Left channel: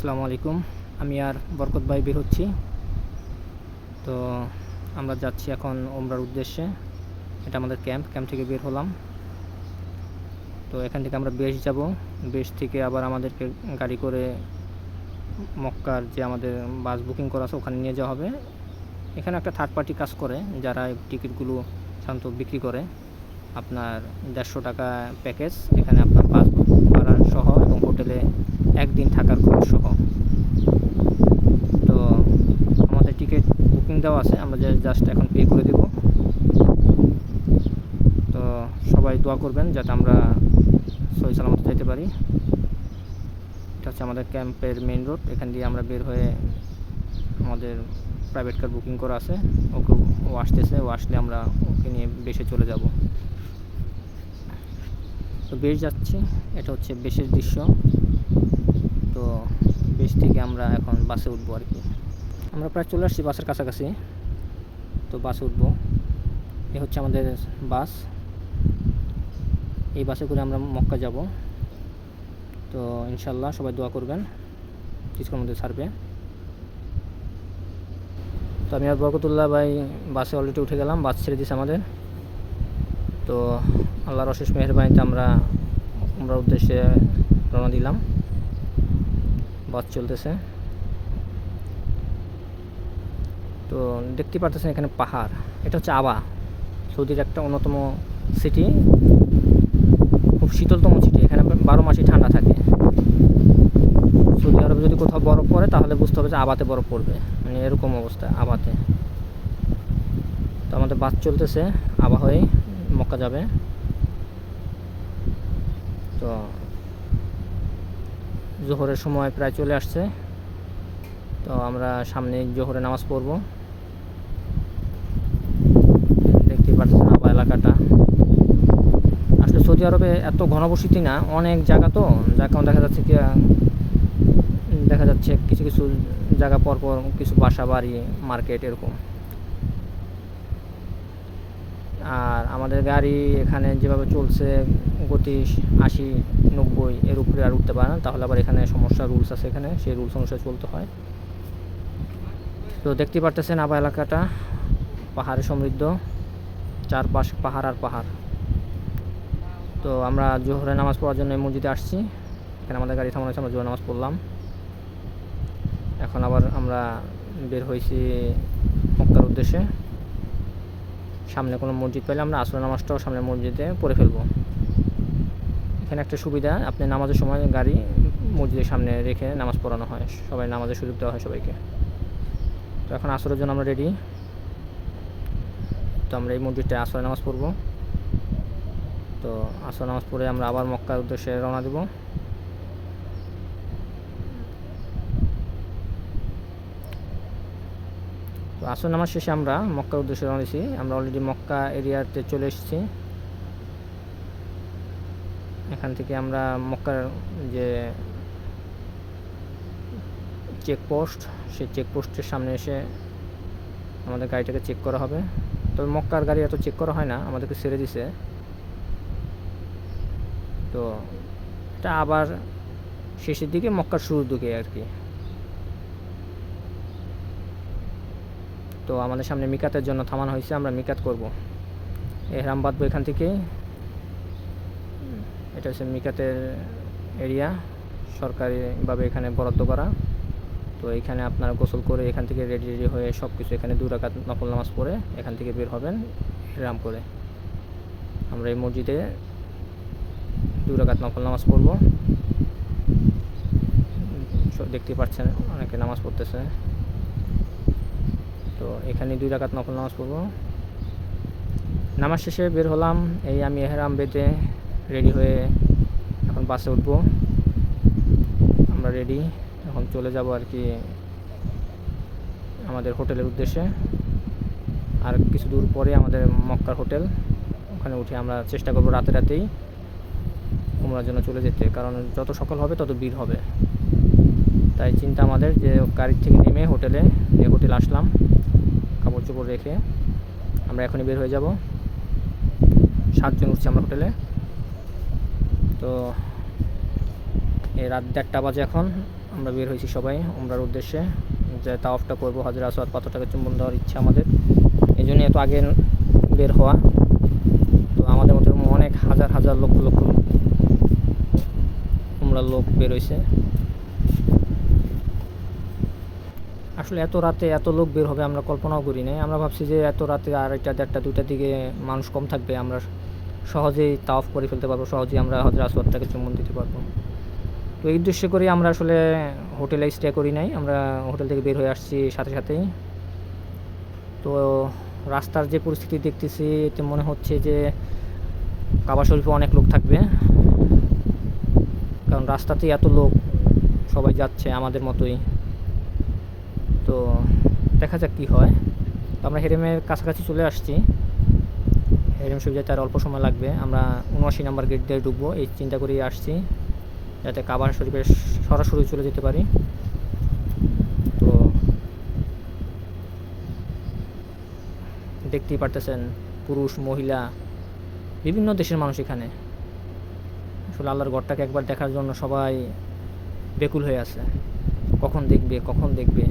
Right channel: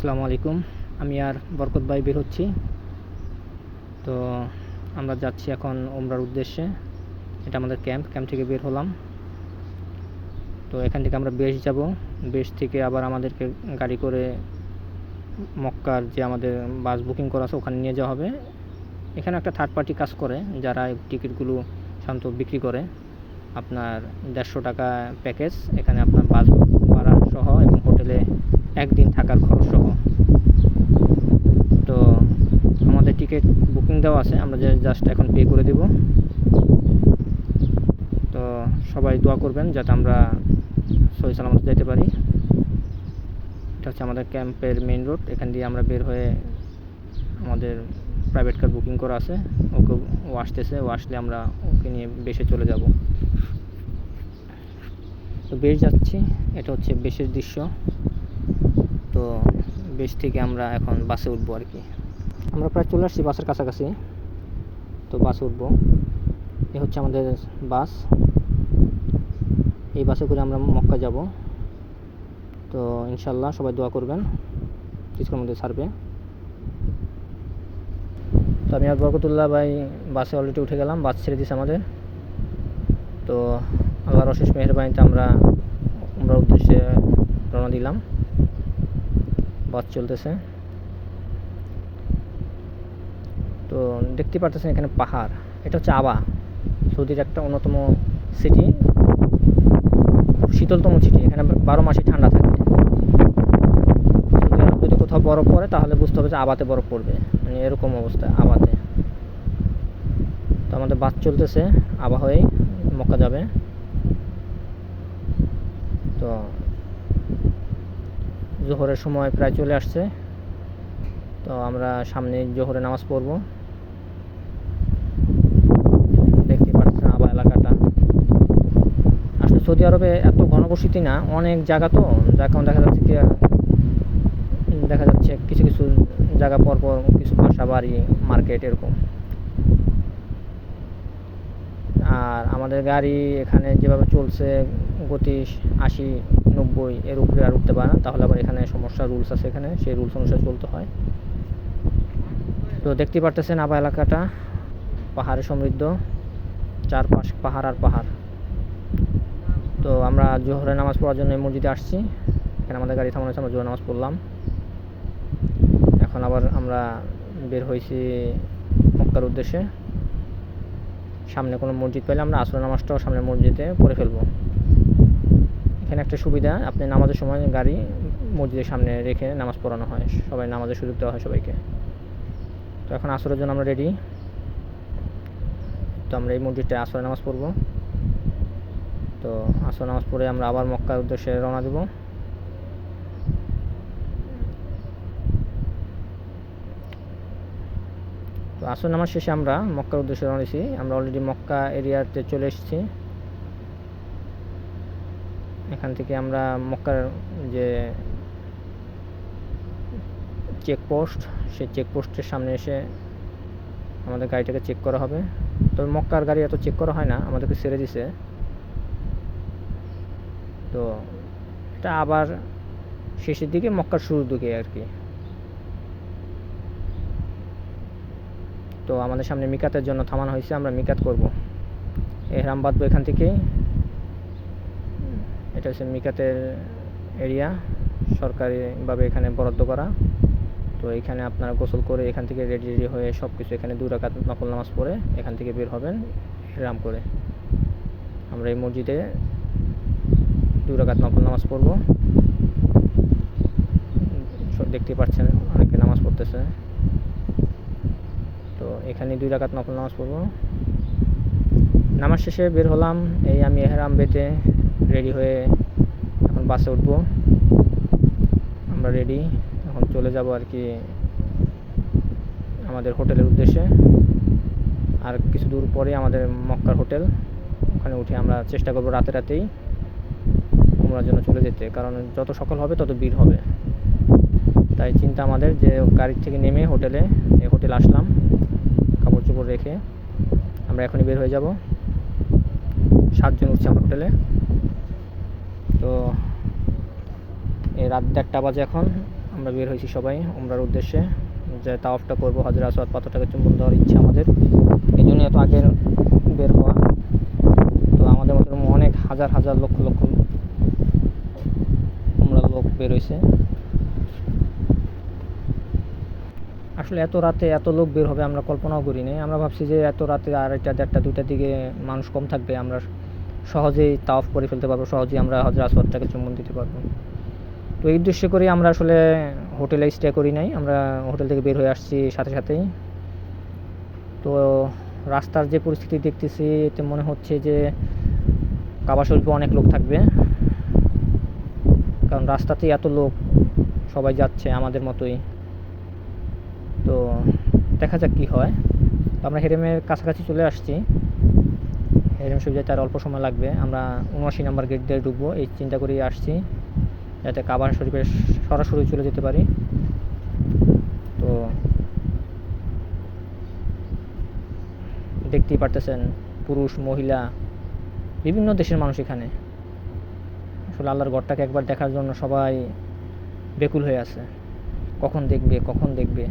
আসসালামু আলাইকুম। আমি আর বরকত ভাই বের হচ্ছি। তো আমরা যাচ্ছি এখন ওমরার উদ্দেশ্যে। এটা আমাদের ক্যাম্প থেকে বের হলাম। তো এখান থেকে আমরা বেশ যাব। বেশ থেকে আবার আমাদেরকে গাড়ি করে মক্কার যে আমাদের বাস বুকিং করা আছে ওখানে নিয়ে যাওয়া হবে। এখানে একটা থার্ড পার্টি কাজ করে, যারা টিকিটগুলো সাধারণত বিক্রি করে। আপনার 150 টাকা প্যাকেজ, এখানে আপনার বাস ভাড়া সহ এবং হোটেলে একদিন থাকার খরচ সহ। তো আমাদের টিকিট বুকিং দেওয়া আছে, আমরা জাস্ট এখন পে করে দেব। তো সবাই দোয়া করবেন যাতে আমরা সহি সালামতে যেতে পারি। এটা হচ্ছে আমাদের ক্যাম্পের মেইন রোড। এখান দিয়ে আমরা বের হয়ে আমাদের প্রাইভেট কার বুকিং করা আছে, ও আসতেছে। ও আসলে আমরা ওকে নিয়ে বেশে চলে যাব। তো বেশ যাচ্ছি, এটা হচ্ছে বেশের দৃশ্য। তো বেশ থেকে আমরা এখন বাসে উঠবো আর কি। আমরা প্রায় চলে আসছি বাসের কাছাকাছি। তো বাসে উঠবো। এ হচ্ছে আমাদের বাস। এই বাসে করে আমরা মক্কা যাব। তো ইনশাল্লাহ সবাই দোয়া করবেন, কিছুক্ষণের মধ্যে ছাড়বে। তো আমি আর বরকতুল্লাহ ভাই বাসে অলরেডি উঠে গেলাম, বাস ছেড়ে দিয়েছে আমাদের। তো আল্লাহর অশেষ মেহেরবানিতে আমরা উদ্দেশ্যে রওনা দিলাম। বাস চলতেছে। তো দেখতে পারতেছেন এখানে পাহাড়। এটা হচ্ছে আবা, সৌদির একটা অন্যতম সিটি, খুব শীতলতম সিটি। এখানে 12 মাসই ঠান্ডা থাকে। সৌদি আরব যদি কোথাও বরফ পড়ে তাহলে বুঝতে হবে যে আবাতে বরফ পড়বে, মানে এরকম অবস্থা আবাতে। তো আমাদের বাস চলতেছে, আবা হয়ে মক্কা যাবে। তো জোহরের সময় প্রায় চলে আসছে। তো আমরা সামনে জোহরে নামাজ পড়ব। দেখতে পাচ্ছেন আবা এলাকাটা। আসলে সৌদি আরবে এত ঘনবসতি না, অনেক জায়গা, তো যার কারণে দেখা যাচ্ছে কিছু কিছু জায়গা পরপর কিছু বাসা বাড়ি, মার্কেট এরকম। আর আমাদের গাড়ি এখানে যেভাবে চলছে, গতি 80-90 এর উপরে আর উঠতে পারে না, তাহলে আবার এখানে সমস্যা, রুলস আছে এখানে, সেই রুলস অনুসারে চলতে হয়। তো দেখতে পারতেছেন আবা এলাকাটা পাহাড়ে সমৃদ্ধ, চারপাশ পাহাড় আর পাহাড়। তো আমরা জোহরে নামাজ পড়ার জন্য এই মসজিদে আসছি। এখানে আমাদের গাড়ি থামানো হয়েছে, আমরা জোহর নামাজ পড়লাম। এখন আবার আমরা বের হয়েছি মক্কার উদ্দেশ্যে। সামনে কোনো মসজিদ পেলে আমরা আসর নামাজটাও সামনের মসজিদে পড়ে ফেলবো। এখানে একটা সুবিধা, আপনি নামাজের সময় গাড়ি মসজিদের সামনে রেখে নামাজ পড়ানো হয়, সবাই নামাজের সুযোগ দেওয়া হয় সবাইকে। তো এখন আসরের জন্য আমরা রেডি। তো আমরা এই মসজিদটায় আসরের নামাজ পড়বো। তো আসর নামাজ পড়ে আমরা আবার মক্কার উদ্দেশ্যে রওনা দেব। তো আসর নামাজ শেষে আমরা মক্কার উদ্দেশ্যে রওনা দিয়েছি। আমরা অলরেডি মক্কা এরিয়াতে চলে এসেছি। এখান থেকে আমরা মক্কার যে চেকপোস্ট, সেই চেকপোস্টের সামনে এসে আমাদের গাড়িটাকে চেক করা হবে। তবে মক্কার গাড়ি এত চেক করা হয় না, আমাদেরকে ছেড়ে দিছে। তো এটা আবার শেষের দিকে, মক্কার শুরুর দিকে আর কি। তো আমাদের সামনে মিকাতের জন্য থামানো হয়েছে, আমরা মিকাত করব। এহরাম বাঁধবো এখান থেকেই। এটা হচ্ছে মিকাতের এরিয়া, সরকারিভাবে এখানে বরাদ্দ করা। তো এখানে আপনারা গোসল করে এখান থেকে রেডি হয়ে সব কিছু, এখানে 2 রাকাত নফল নামাজ পড়ে এখান থেকে বের হবেন এহরাম করে। আমরা এই মসজিদে 2 রাকাত নফল নামাজ পড়ব। দেখতে পাচ্ছেন অনেকে নামাজ পড়তেছে। তো এখানে 2 রাকাত নফল নামাজ পড়ব। নামাজ শেষে বের হলাম। এই আমি এহরাম বেঁধে রেডি হয়ে এখন বাসে উঠব। আমরা রেডি, এখন চলে যাব আর কি আমাদের হোটেলের উদ্দেশ্যে। আর কিছু দূর পরে আমাদের মক্কার হোটেল, ওখানে উঠে আমরা চেষ্টা করব রাতেই উমরার জন্য চলে যেতে, কারণ যত সকাল হবে তত ভিড় হবে। তাই চিন্তা আমাদের যে গাড়ির থেকে নেমে হোটেলে আসলাম, কাপড় চোপড় রেখে আমরা এখনই বের হয়ে যাব। 7 জন উঠছি আমরা হোটেলে। তো এই রাত 1:30 বাজে এখন। আমরা বের হয়েছি সবাই উমরার উদ্দেশ্যে, যে তাওয়াফটা করবো, হাজরে আসওয়াদ পাথরটাকে চুম্বন দেওয়ার ইচ্ছা আমাদের, এই জন্যই এত আগে বের হওয়া। তো আমাদের মতো অনেক হাজার হাজার লক্ষ লক্ষ উমরার লোক বের হয়েছে। আসলে এত রাতে এত লোক বের হবে আমরা কল্পনাও করি নাই। আমরা ভাবছি যে এত রাতে 2:30 1:30 2টার দিকে মানুষ কম থাকবে, আমরা সহজেই তাওয়াফ করে ফেলতে পারবো, সহজেই আমরা হাজরে আসওয়াদটাকে চুম্বন দিতে পারবো। তো এই উদ্দেশ্য করে আমরা আসলে হোটেলে স্টে করি নাই, আমরা হোটেল থেকে বের হয়ে আসছি সাথে সাথেই। তো রাস্তার যে পরিস্থিতি দেখতেছি এতে মনে হচ্ছে যে কাবা শরীফে অনেক লোক থাকবে, কারণ রাস্তাতেই এত লোক, সবাই যাচ্ছে আমাদের মতোই। তো দেখা যাক কী হয়। তো আমরা হেরেমের কাছাকাছি চলে আসছি, হেরেম শরীফ যেতে আর অল্প সময় লাগবে। আমরা 79 নম্বর গেট দিয়ে ঢুকবো এই চিন্তা করেই আসছি, যাতে কাবা শরীফে সরাসরি চলে যেতে পারি। তো দেখতেই পারতেছেন পুরুষ মহিলা বিভিন্ন দেশের মানুষ এখানে। আসলে আল্লাহর ঘরটাকে একবার দেখার জন্য সবাই বেকুল হয়ে আছে, কখন দেখবে কখন দেখবে।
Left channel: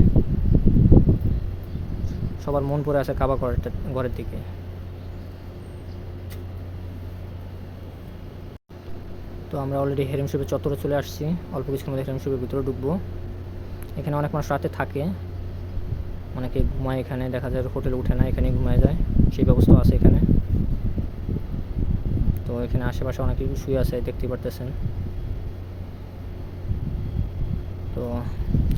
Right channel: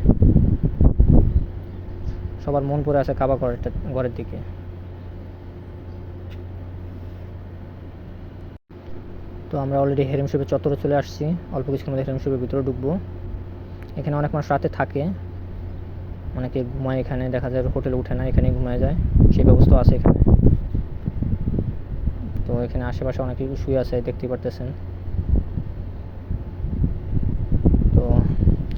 সবার মন পড়ে আছে কাবা ঘরের দিকে। তো আমরা অলরেডি হেরেম শরীফের চত্বরে চলে আসছি, অল্প কিছুক্ষণ মধ্যে হেরেম শরীফের ভিতরে ঢুকবো। এখানে অনেক মানুষ রাতে থাকে, অনেকে ঘুমায় এখানে, দেখা যায় হোটেলে উঠে না, এখানেই ঘুমায় যায়, সেই ব্যবস্থা আছে এখানে। তো এখানে আশেপাশে অনেকে শুয়ে আছে দেখতেই পারতেছেন। তো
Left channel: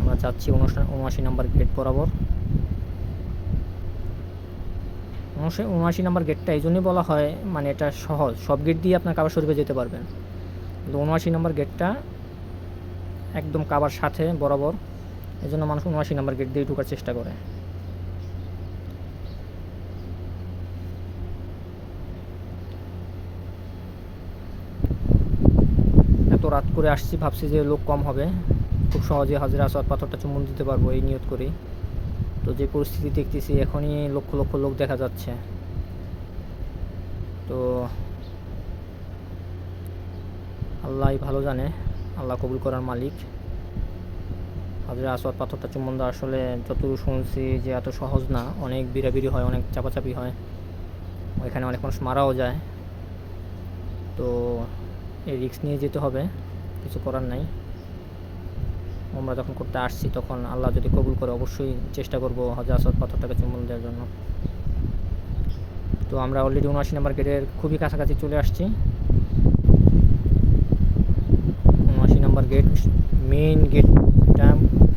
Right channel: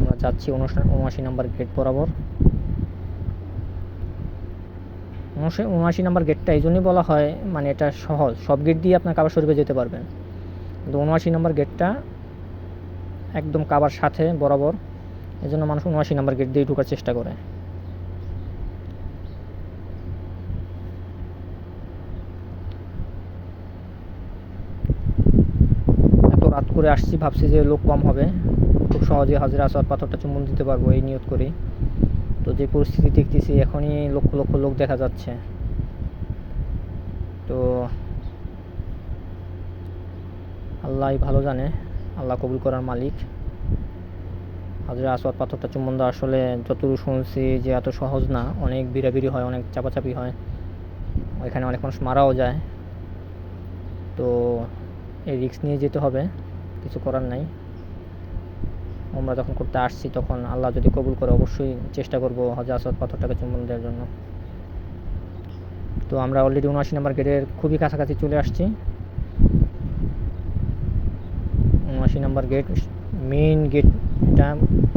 আমরা যাচ্ছি 79 নম্বর গেট বরাবর। 79 নম্বর গেটটা এই জন্যই বলা হয়, মানে এটা সহজ, সব গেট দিয়ে আপনার কাবা শরীফে যেতে পারবেন, কিন্তু 79 নম্বর গেটটা একদম কাবার সাথে বরাবর, এই জন্য মানুষ 79 নম্বর গেট দিয়ে ঢোকার চেষ্টা করে। এত রাত করে আসছি, ভাবছি যে লোক কম হবে, খুব সহজে হাজরে আসওয়াদ পাথরটা চুম্বন দিতে পারবো এই নিয়ত করি। তো যে পরিস্থিতি দেখতেছি এখনই লক্ষ লক্ষ লোক দেখা যাচ্ছে। তো আল্লাহ ভালো জানে, আল্লাহ কবুল করার মালিক। হাজরে আসওয়াদ পাথরটা চুম্বন দেওয়া আসলে যতদূর শুনছি যে এত সহজ না, অনেক বিড়াবিড়ি হয়, অনেক চাপাচাপি হয়, ওইখানে অনেক মানুষ মারাও যায়। তো এই রিস্ক নিয়ে যেতে হবে, কিছু করার নাই। আমরা যখন করতে আসছি তখন আল্লাহ যদি কবুল করে অবশ্যই চেষ্টা করব হাজরে আসওয়াদ পাথরটাকে চুম্বন দেওয়ার জন্য। তো আমরা অলরেডি 79 নম্বর গেটের খুবই কাছাকাছি চলে আসছি। 79 নম্বর গেট, মেইন গেটটা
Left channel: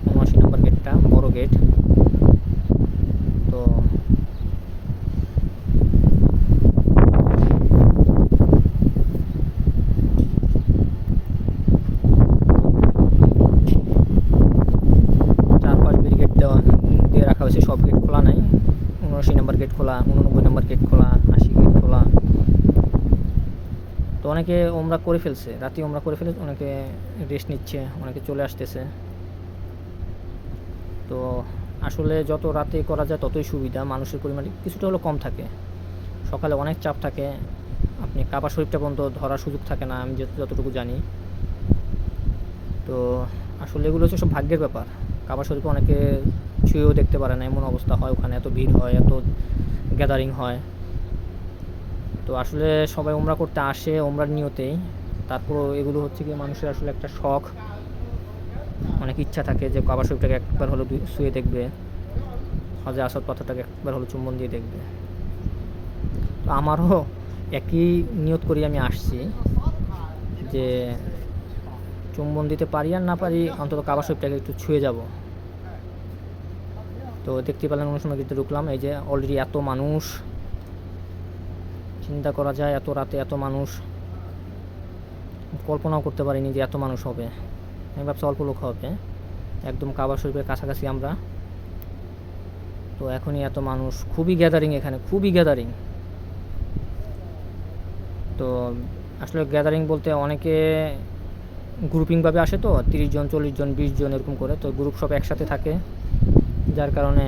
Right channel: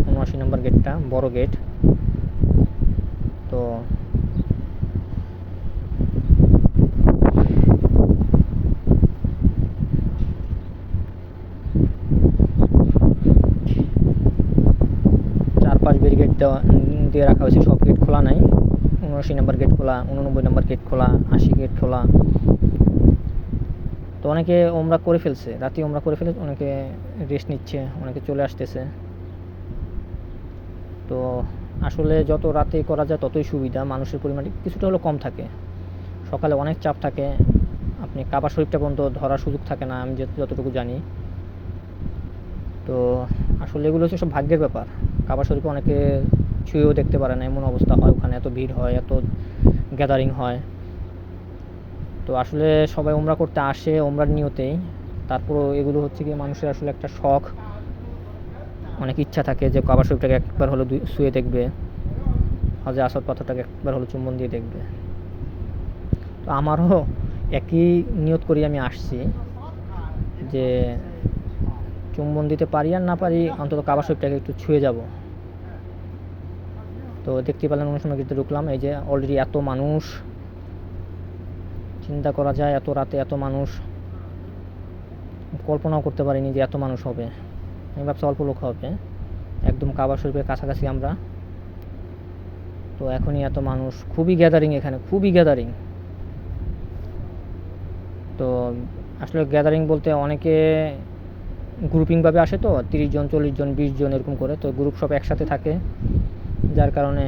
79 নম্বর গেটটা বড় গেট। তো চারপাশ ব্যারিকেড দিয়ে রাখা হয়েছে, সব গেট খোলা নাই। 79 নম্বর গেট খোলা, 89 নম্বর গেট খোলা, 80 গেট খোলা। তো অনেকে ওমরা করে ফেলছে, রাতে ওমরা করে ফেলে, অনেকে রেস্ট নিচ্ছে, অনেকে চলে আসতেছে। তো আসলে যত রাতে করা যায় ততই সুবিধা, মানুষের পরিমাণ কিছুটা হলেও কম থাকে। সকালে অনেক চাপ থাকে, আপনি কাবা শরীফটা পর্যন্ত ধরার সুযোগ থাকে না, আমি যতটুকু জানি। তো আসলে এগুলো হচ্ছে সব ভাগ্যের ব্যাপার। কাবা শরীফে অনেকে ছুঁয়েও দেখতে পারে না, এমন অবস্থা হয়, ওখানে এত ভিড় হয়, এত গ্যাদারিং হয়। তো আসলে সবাই ওমরা করতে আসে ওমরার নিয়তেই, তারপরও এগুলো হচ্ছে কি মানুষের আসলে একটা শখ, অনেক ইচ্ছা থাকে যে কাবা শরীফটাকে একবার হলো ছুঁয়ে দেখবে, হাজরে আসওয়াদ পাথরটাকে একবার হলো চুম্বন দিয়ে দেখবে। তো আমারও একই নিয়ত করি আমি আসছি, যে চুম্বন দিতে পারি আর না পারি অন্তত কাবা শরীফটাকে একটু ছুঁয়ে যাব। তো দেখতে পেলেন অন্য সময় কিন্তু ঢুকলাম, এই যে অলরেডি এত মানুষ, চিন্তা করা যায় এত রাতে এত মানুষ, কল্পনাও করতে পারিনি যে এত মানুষ হবে। আমি ভাবছি অল্প লোক হবে, একদম কাবা শরীফের কাছাকাছি আমরা। তো এখনই এত মানুষ, খুবই গ্যাদারিং এখানে, খুবই গ্যাদারিং। তো আসলে গ্যাদারিং বলতে অনেকে গ্রুপিংভাবে আসে, তো 30 জন 40 জন 20 জন এরকম করে, তো গ্রুপ সব একসাথে থাকে, যার কারণে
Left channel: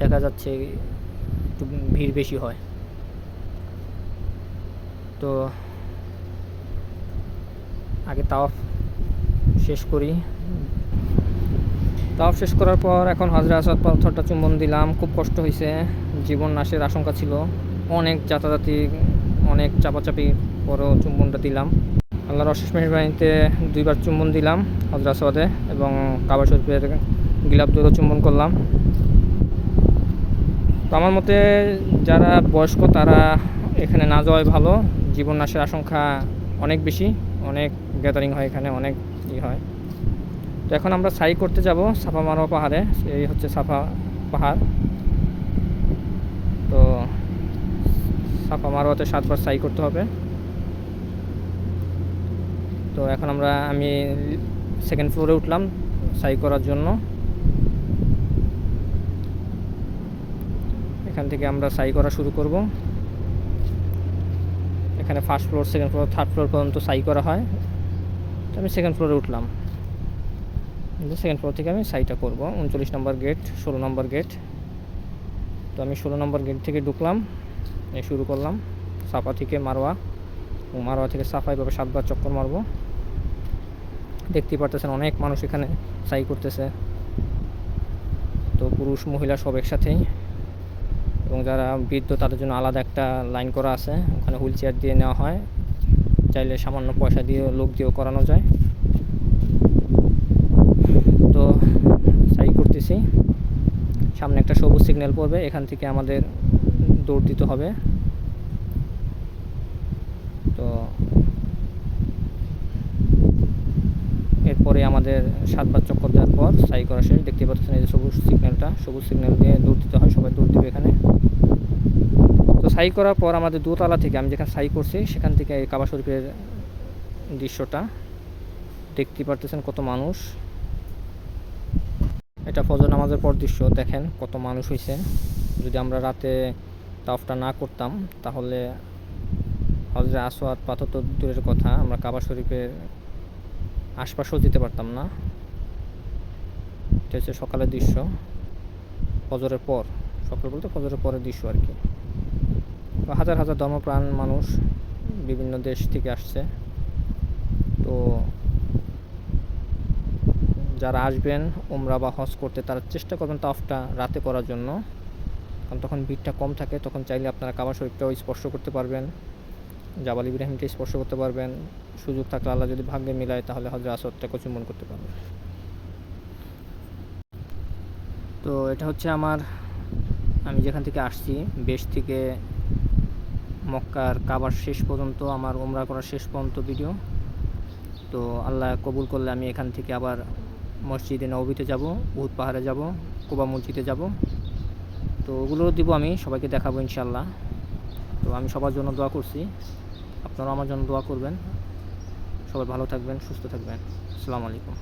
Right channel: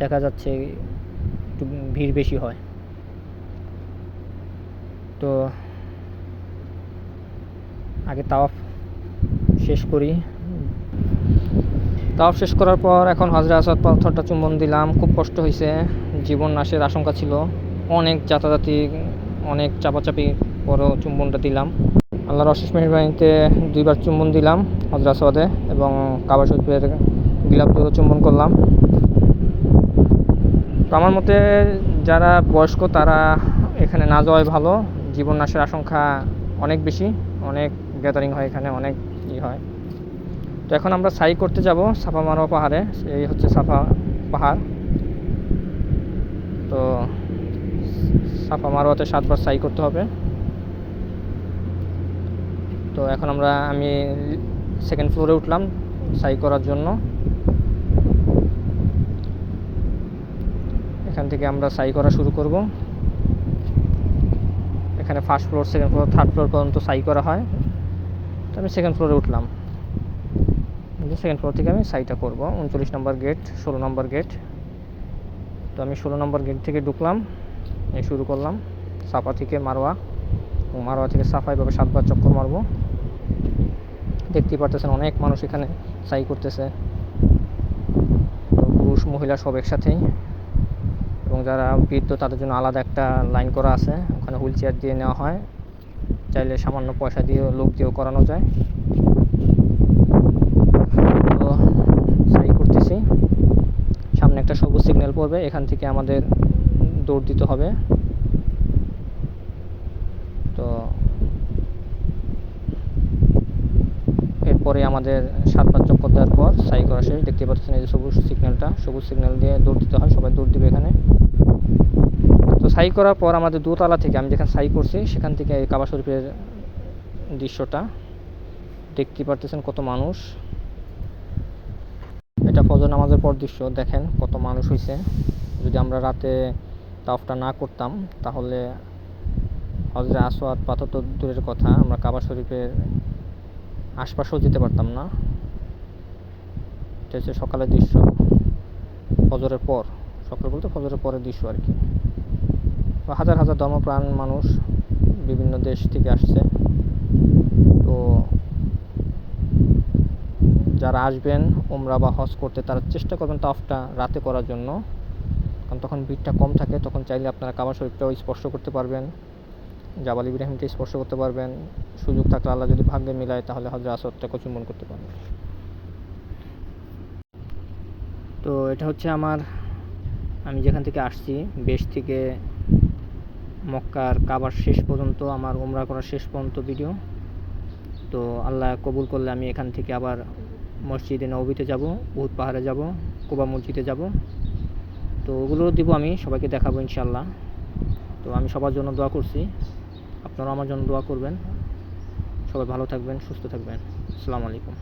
দেখা যাচ্ছে একটু ভিড় বেশি হয়। তো আগে তাওয়াফ শেষ করি, তাওয়াফ শেষ করার পর এখন হজরে আসওয়াদ পাথরটা চুম্বন দিলাম। খুব কষ্ট হয়েছে, জীবন নাশের আশঙ্কা ছিল, অনেক যাতাযাতি, অনেক চাপাচাপি পরেও চুম্বনটা দিলাম। আল্লাহর অশেষ মেহেরবানিতে 2বার চুম্বন দিলাম হজরে আসওয়াদে, এবং কাবা শরীফের গিলাফ দুটো চুম্বন করলাম। তো আমার মতে যারা বয়স্ক তারা এখানে না যাওয়াই ভালো, জীবন নাশের আশঙ্কা অনেক বেশি, অনেক গ্যাদারিং হয় এখানে, অনেক হয়। তো এখন আমরা সাই করতে যাব সাফা মারোয়া পাহাড়ে। এই হচ্ছে সাফা পাহাড়। তো সাফা মারোয়াতে 7বার সাই করতে হবে। তো এখন আমি 2nd ফ্লোরে উঠলাম সাই করার জন্য। এখান থেকে আমরা সাই করা শুরু করব। এখানে 1st floor, 2nd floor, 3rd floor পর্যন্ত সাই করা হয়। তো আমি 2nd ফ্লোরে উঠলাম। 2nd ফ্লোর থেকে আমি সাইটা করব। 39 নম্বর গেট, 16 নম্বর গেট। তো আমি 16 নম্বর গেট থেকে ঢুকলাম, এই শুরু করলাম সাফা থেকে মারোয়া, মারোয়া থেকে সাফা, এভাবে 7বার চক্কর মারবো। দেখতেই পারতেছেন অনেক মানুষ এখানে সাই করতেছে। তো পুরুষ মহিলা সব একসাথেই, এবং যারা বৃদ্ধ তাদের জন্য আলাদা একটা লাইন করা আছে, ওখানে হুইল চেয়ার দিয়ে নেওয়া হয়, চাইলে সামান্য পয়সা দিয়ে লোক দিয়েও করানো যায়। তো সাই করতেছি, সামনে একটা সবুজ সিগন্যাল পড়বে, এখান থেকে আমাদের দৌড় দিতে হবে। তো এরপরে আমাদের 7বার চক্কর দেওয়ার পর সাই করা শেষ। দেখতে পাচ্ছেন এই যে সবুজ সিগন্যালটা, সবুজ সিগন্যাল দিয়ে দৌড় দিতে হয়, সবাই দৌড় দিবে এখানে। তো সাই করার পর আমাদের দোতলা থেকে, আমি যেখানে সাই করছি সেখান থেকে এই কাবা শরীফের দৃশ্যটা দেখতে পারতেছেন, কত মানুষ। এটা ফজর নামাজের পর দৃশ্য, দেখেন কত মানুষ হয়েছে। যদি আমরা রাতে তাওয়াফটা না করতাম তাহলে হজরে আসওয়াদ পাথর তো দূরের কথা, আমরা কাবা শরীফের আশপাশেও যেতে পারতাম না। এটা হচ্ছে সকালের দৃশ্য, ফজরের পর, সকাল বলতে ফজরের পরের দৃশ্য আর কি। হাজার হাজার ধর্মপ্রাণ মানুষ বিভিন্ন দেশ থেকে আসছে। তো যারা আসবেন উমরা বা হজ করতে, তারা চেষ্টা করবেন তাওয়াফটা রাতে করার জন্য, কারণ তখন ভিড়টা কম থাকে। তখন চাইলে আপনারা কাবা শরীফটাও স্পর্শ করতে পারবেন, জাবাল ইব্রাহিমকে স্পর্শ করতে পারবেন, সুযোগ থাকলে আল্লাহ যদি ভাগ্যে মিলায় তাহলে হজরে আসওয়াদটাকে চুম্বন করতে পারবেন। তো এটা হচ্ছে আমি যেখান থেকে আসছি, বেশ থেকে মক্কার কাবার শেষ পর্যন্ত, আমার উমরা করার শেষ পর্যন্ত ভিডিও। তো আল্লাহ কবুল করলে আমি এখান থেকে আবার মসজিদে নববীতে যাব, উহুদ পাহাড়ে যাব, কুবা মসজিদে যাব। তো ওগুলো দিব, আমি সবাইকে দেখাবো ইনশাল্লাহ। তো আমি সবার জন্য দোয়া করছি, আপনারাও আমার জন্য দোয়া করবেন। সবাই ভালো থাকবেন, সুস্থ থাকবেন। আসসালামু আলাইকুম।